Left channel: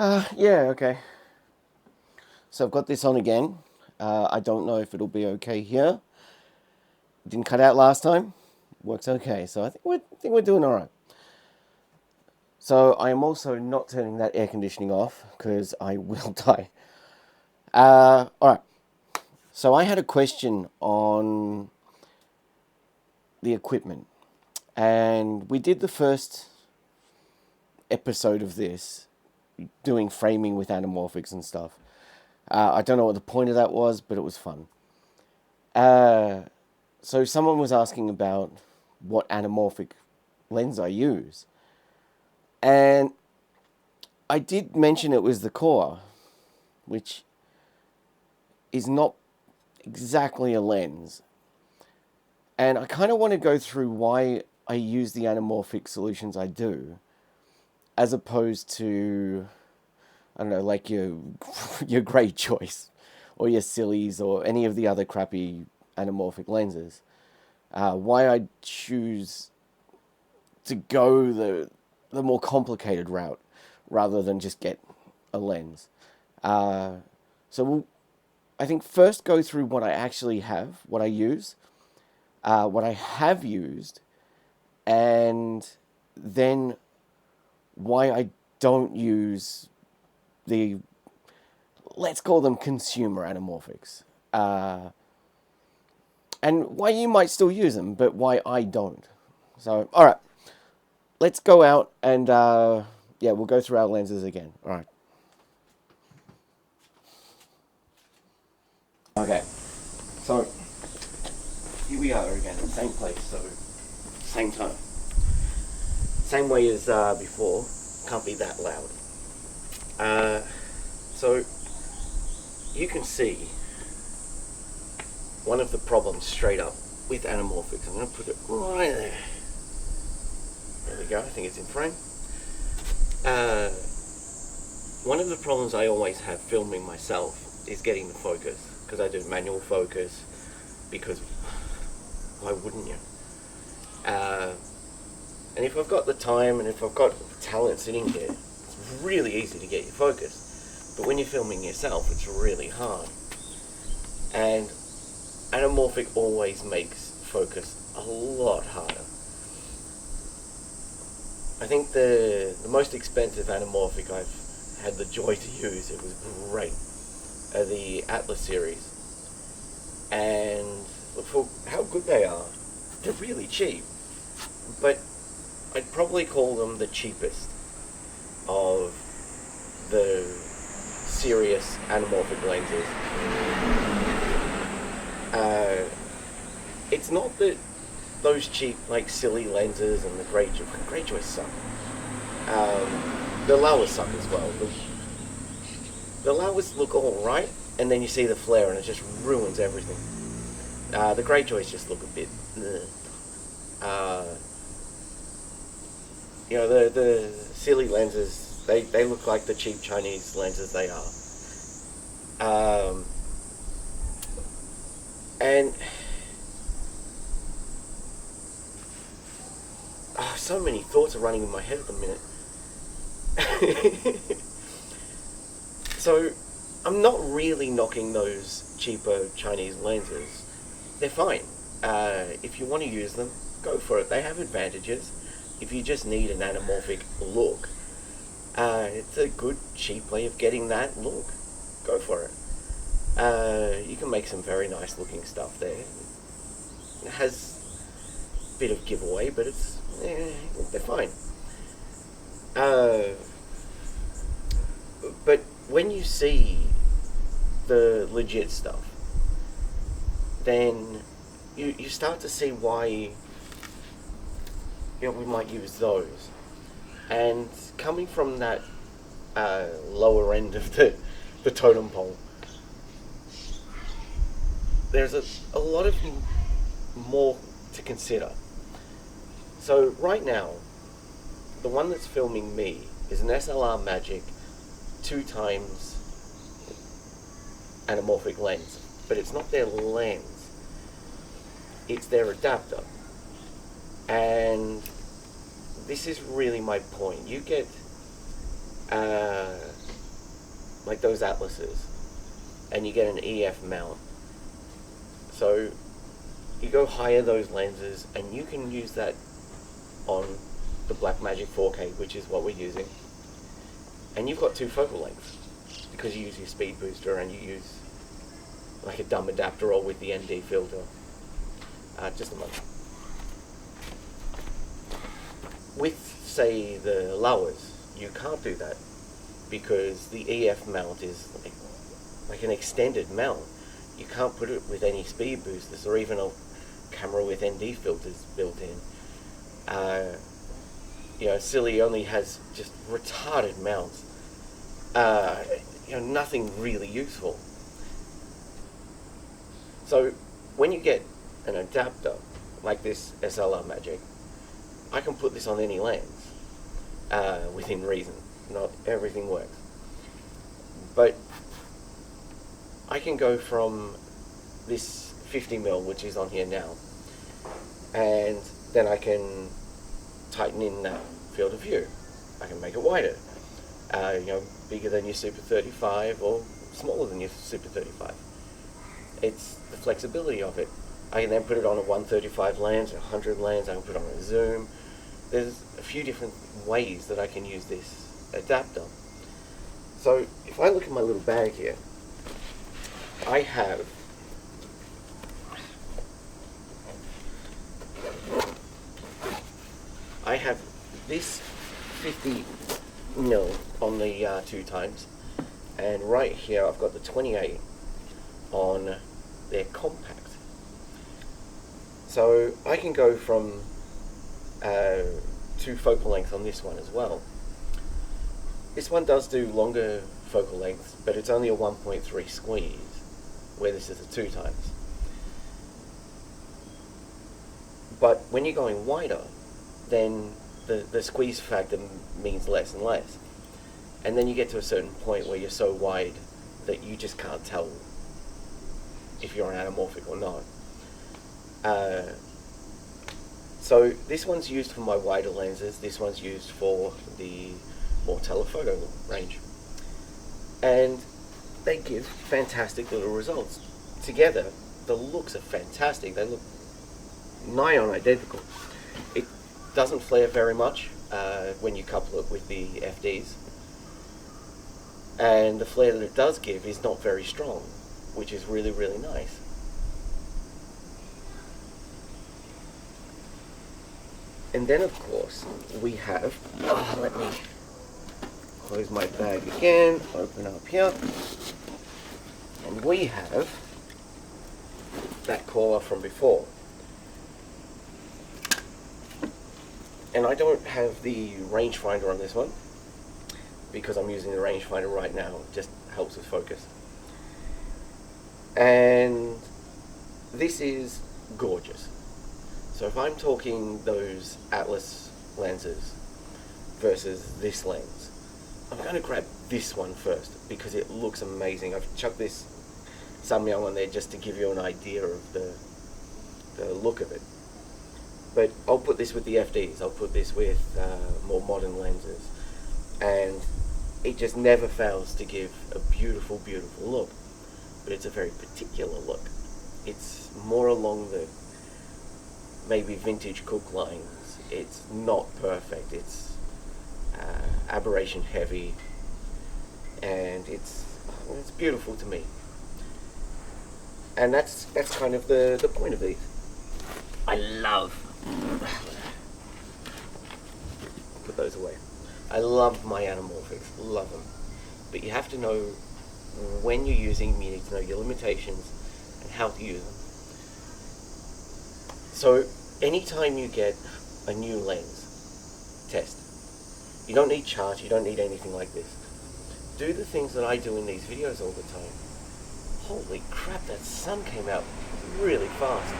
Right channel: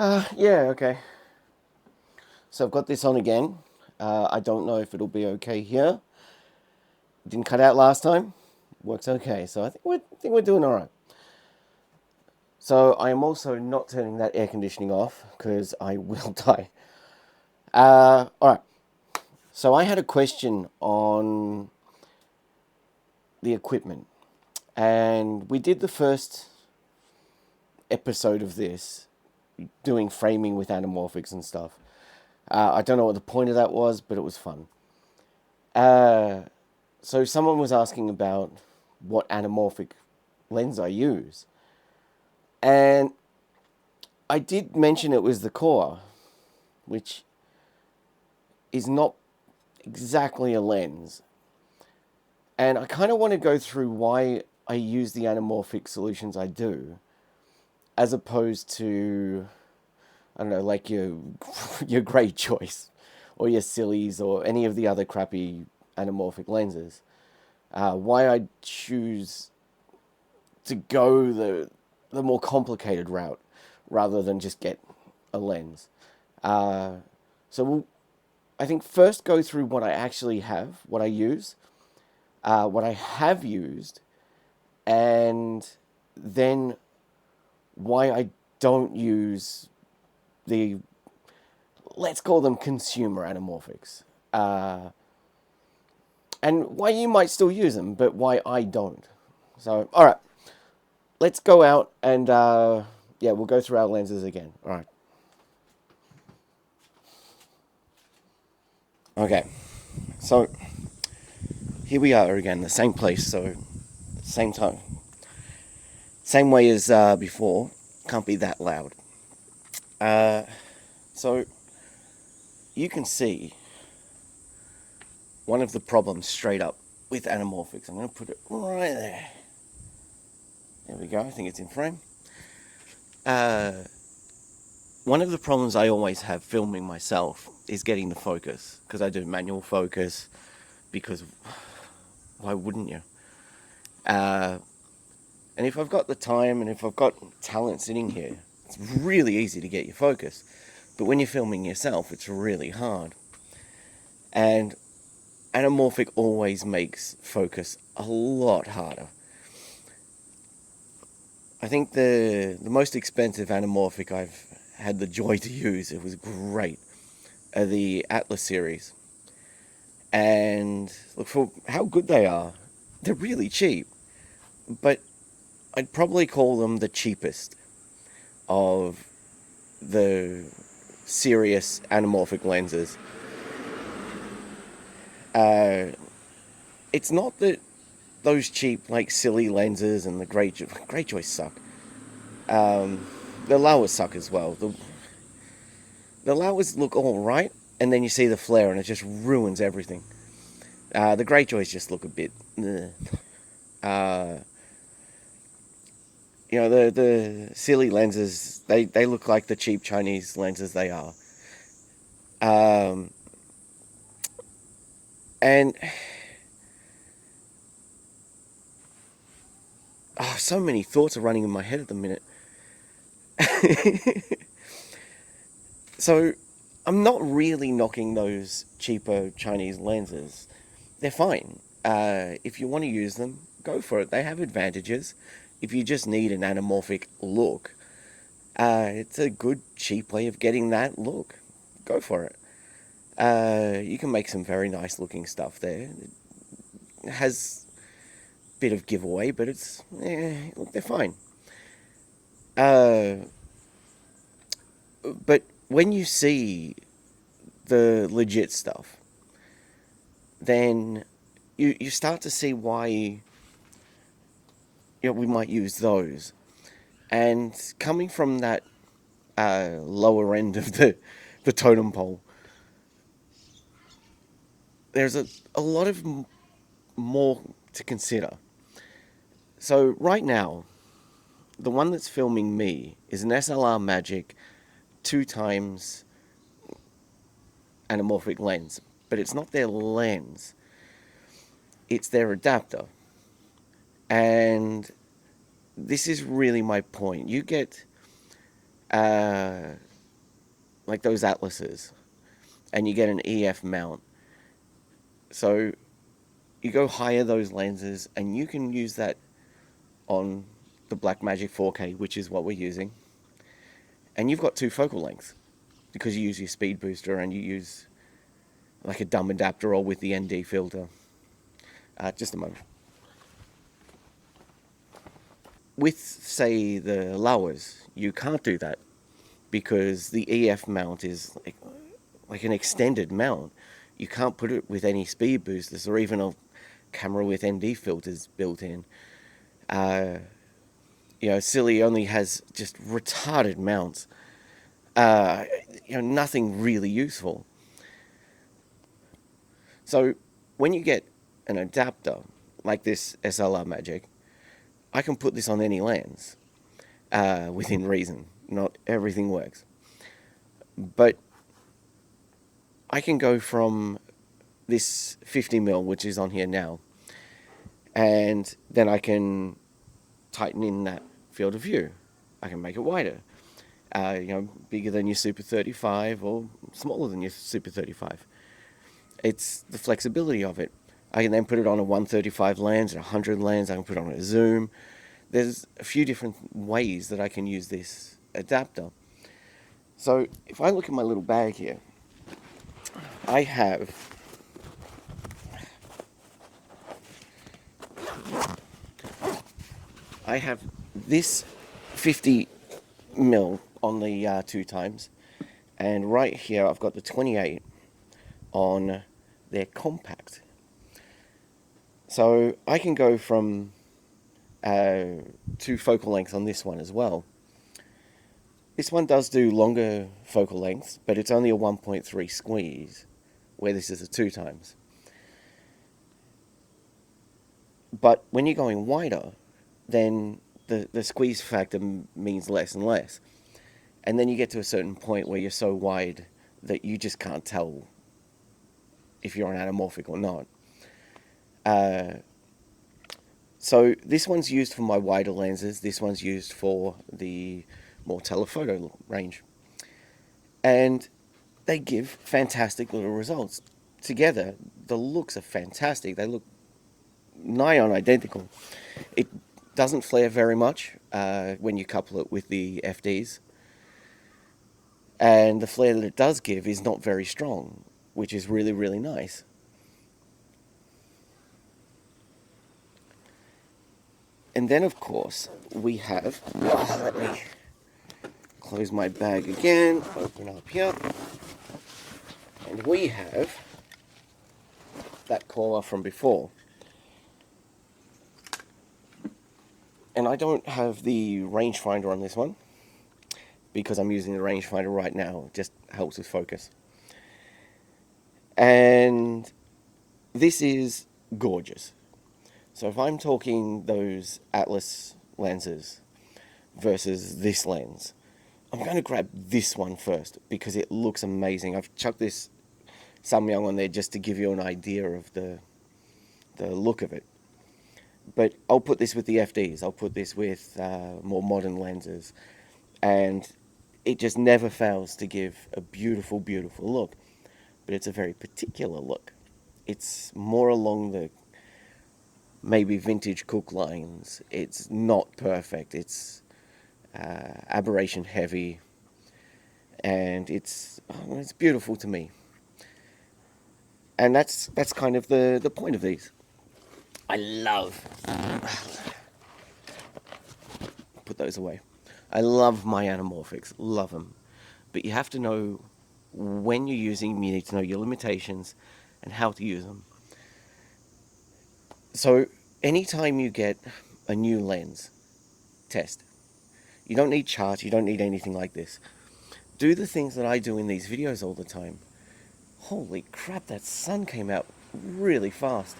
Yeah, okay. So I've got this on again. I don't know if it'll be okay here. Didn't cut out last time. Works okay. So I think we're doing all right. So I am also not turning that air conditioning off because I will die. All right. So I had a question on the equipment, and we did the first episode of this doing framing with anamorphics and stuff. I don't know what the point of that was, but it was fun. Uh, so someone was asking about what anamorphic lens I use, and I did mention it was the core, which is not exactly a lens. And I kind of want to go through why I use the anamorphic solutions I do, as opposed to, I don't know, like your Grey Choice or your Sillies or any of the other crappy anamorphic lenses. Why I choose to go the more complicated route rather than just get a lens. So we'll, I think, first go through what I actually have, what I use, what I have used, and then why I don't use the, let's call them consumer anamorphics. And why you might still use them, but why I don't. So, all right, let's go out and, yeah, we'll go through our lenses again. All right. Okay, so here we are again, the same place, so same time. Same way as before, can't be that loud. Uh, so you can see one of the problems straight up with anamorphics. I'm going to put it right there. There we go, I think it's in frame. One of the problems I always have filming myself is getting the focus, because I do manual focus, because why wouldn't you? And if I've got the time and if I've got talent sitting here, it's really easy to get you focused. But when you're filming yourself, it's really hard. And anamorphic always makes focus a lot harder. I think the most expensive anamorphic I've had the joy to use, it was great, are the Atlas series. And look, for how good they are, they're really cheap. But I'd probably call them the cheapest of the serious anamorphic lenses. It's not that those cheap, like, silly lenses and the Greyjoys suck. The Laowas suck as well. The Laowas look alright, and then you see the flare and it just ruins everything. The Greyjoys just look a bit... you know, the silly lenses, they look like the cheap Chinese lenses they are. And so many thoughts are running in my head at the minute. So I'm not really knocking those cheaper Chinese lenses. They're fine. If you want to use them, go for it. They have advantages. If you just need an anamorphic look, it's a good, cheap way of getting that look. Go for it. You can make some very nice looking stuff there. It has a bit of giveaway, but it's, they're fine. But when you see the legit stuff, then you start to see why we might use those. And coming from that lower end of the totem pole, there's a lot of more to consider. So right now, the one that's filming me is an SLR Magic 2x anamorphic lens, but it's not their lens, it's their adapter. And this is really my point. You get uh, like those atlases, and you get an EF mount. So you go higher those lenses, and you can use that on the Blackmagic 4K, which is what we're using. And you've got 2 focal lengths because you use your speed booster and you use like a dumb adapter or with the ND filter. Just a moment. With, say, the lowers, you can't do that because the EF mount is like an extended mount. You can't put it with any speed boosters or even a camera with ND filters built in. Silly only has just retarded mounts. Nothing really useful. So when you get an adapter like this SLR Magic, I can put this on any lens within reason. Not everything works. But I can go from this 50mm, which is on here now, and then I can tighten in that field of view. I can make it wider, bigger than your Super 35 or smaller than your Super 35. It's the flexibility of it. I can then put it on a 135 lens, a 100 lens, I can put it on a zoom. There's a few different ways that I can use this adapter. So if I look at my little bag here, I have this 50mm on the 2 times, and right here I've got the 28 on their compact. So I can go from 2 focal lengths on this one as well. This one does do longer focal lengths, but it's only a 1.3 squeeze, where this is a 2 times. But when you're going wider, then the squeeze factor means less and less. And then you get to a certain point where you're so wide that you just can't tell if you're an anamorphic or not. So this one's used for my wider lenses, this one's used for the more telephoto range. And they give fantastic little results. Together, the looks are fantastic. They look nigh on identical. It doesn't flare very much when you couple it with the FDs. And the flare that it does give is not very strong, which is really, really nice. And then, of course, we have, let me close my bag again, open up here, and we have that coil from before. And I don't have the rangefinder on this one, because I'm using the rangefinder right now. It just helps with focus. And this is gorgeous. So if I'm talking those Atlas lenses versus this lens, I'm going to grab this one first because it looks amazing. I've chucked this Samyang on there just to give you an idea of the look of it. But I'll put this with the FDs, I'll put this with more modern lenses, and it just never fails to give a beautiful, beautiful look. But it's a very particular look. It's more along the maybe vintage Cook lines. It's not perfect. It's aberration heavy, and it's beautiful to me. And that's kind of the point of these. I love. Put those away. I love my anamorphics. Love them. But you have to know when you're using them. You need to know your limitations and how to use them. So anytime you get a new lens, test. You don't need charts, you don't need anything like this. Do the things that I do in these videos all the time. Holy crap, that sun came out really fast.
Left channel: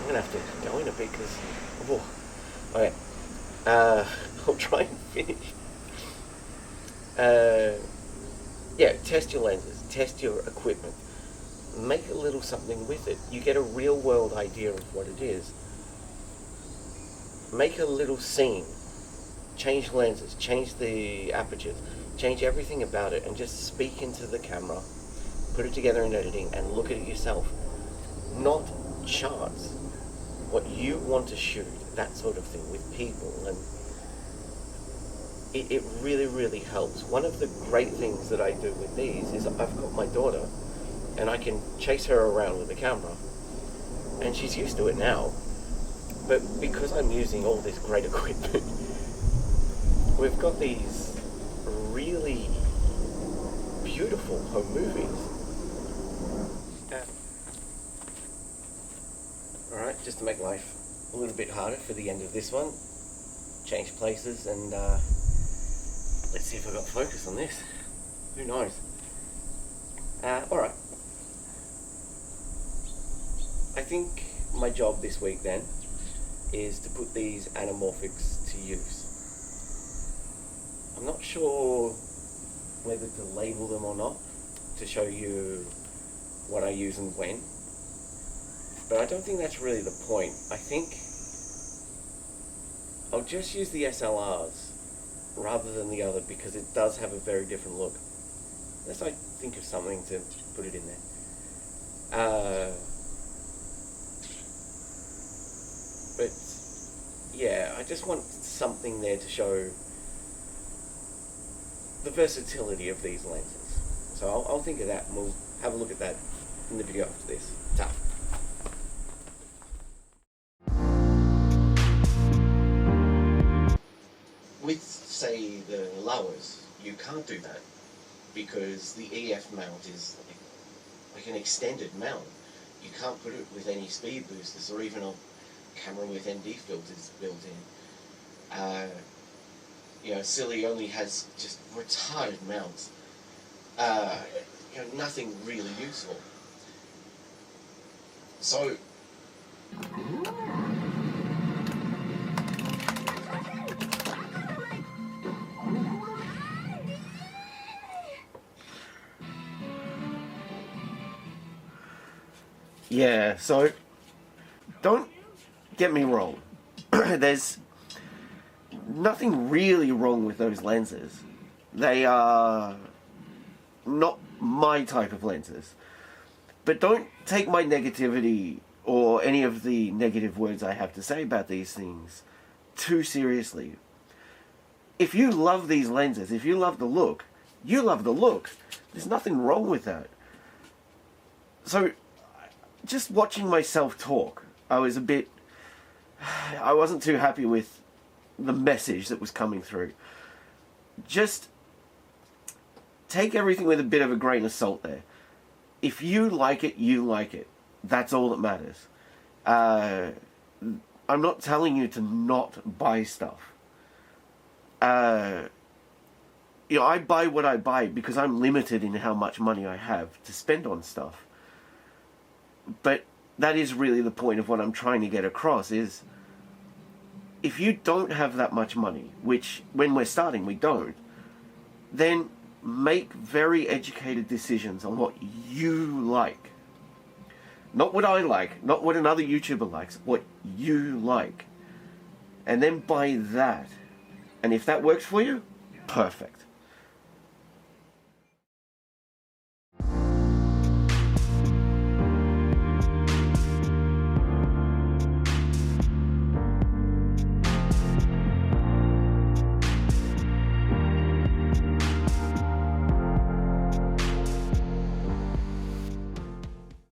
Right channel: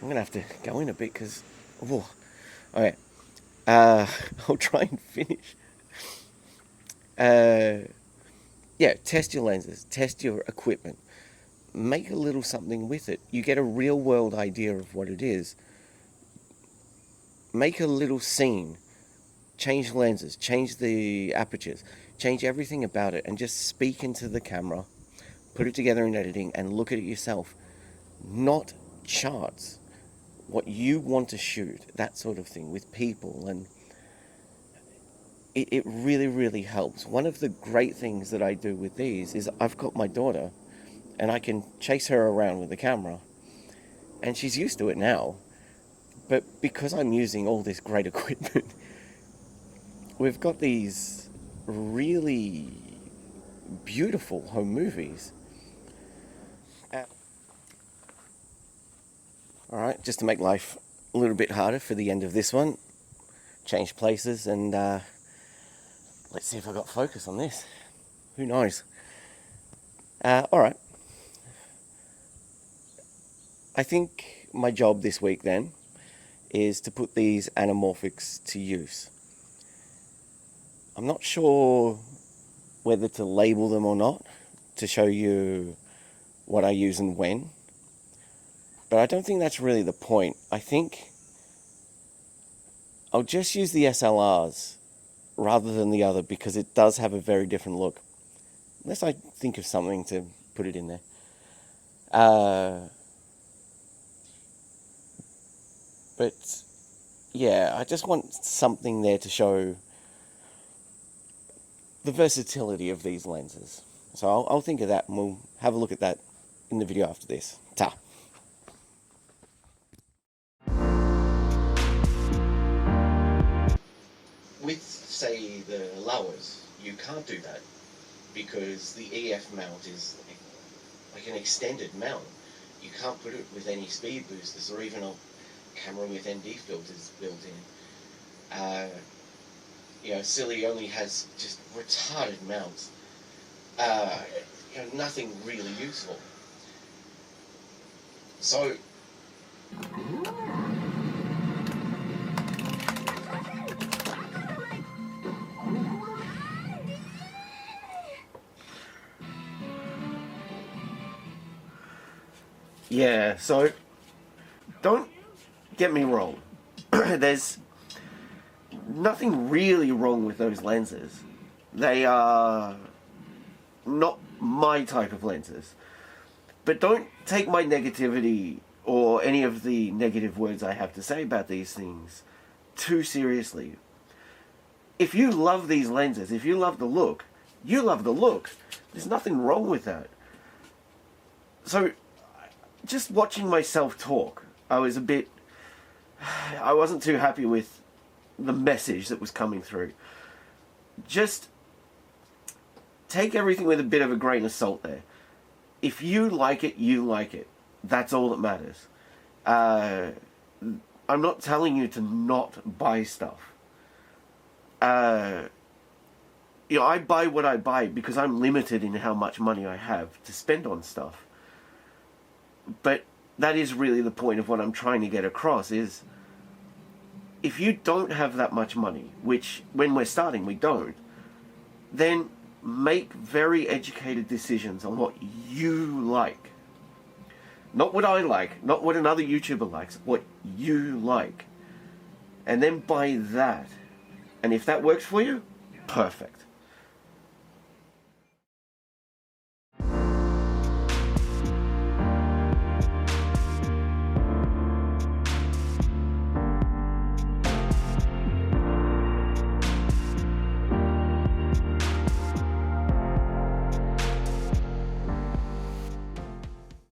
I'm gonna have to go in a bit because, okay. I'll try and finish. Yeah, test your lenses, test your equipment. Make a little something with it. You get a real world idea of what it is. Make a little scene change lenses, change the apertures, change everything about it, and just speak into the camera, put it together in editing, and look at it yourself. Not charts. What you want to shoot, that sort of thing, with people, and it really, really helps. One of the great things that I do with these is I've got my daughter, and I can chase her around with the camera, and she's used to it now. But because I'm using all this great equipment, we've got these really beautiful home movies. Alright, just to make life a little bit harder for the end of this one, change places, and let's see if I got focus on this. Who knows? Alright. I think my job this week then is to put these anamorphics to use. I'm not sure whether to label them or not to show you what I use and when, but I don't think that's really the point. I think I'll just use the SLRs rather than the other because it does have a very different look. Unless I think of something to put it in there. But yeah, I just want something there to show the versatility of these lenses. So I'll think of that, and we'll have a look at that in the video after this. Ta! With, say, the lowers, you can't do that because the EF mount is like an extended mount. You can't put it with any speed boosters or even a camera with ND filters built in. You know, Silly only has just retarded mounts. You know, nothing really useful. So yeah, so don't get me wrong. There's nothing really wrong with those lenses. They are not my type of lenses. But don't take my negativity or any of the negative words I have to say about these things too seriously. If you love these lenses, if you love the look, you love the look. There's nothing wrong with that. So, just watching myself talk, I wasn't too happy with the message that was coming through. Just take everything with a bit of a grain of salt there. If you like it, you like it. That's all that matters. I'm not telling you to not buy stuff. You know, I buy what I buy because I'm limited in how much money I have to spend on stuff. But that is really the point of what I'm trying to get across is if you don't have that much money, which when we're starting we don't, then make very educated decisions on what you like. Not what I like, not what another YouTuber likes, what you like. And then buy that. And if that works for you, perfect.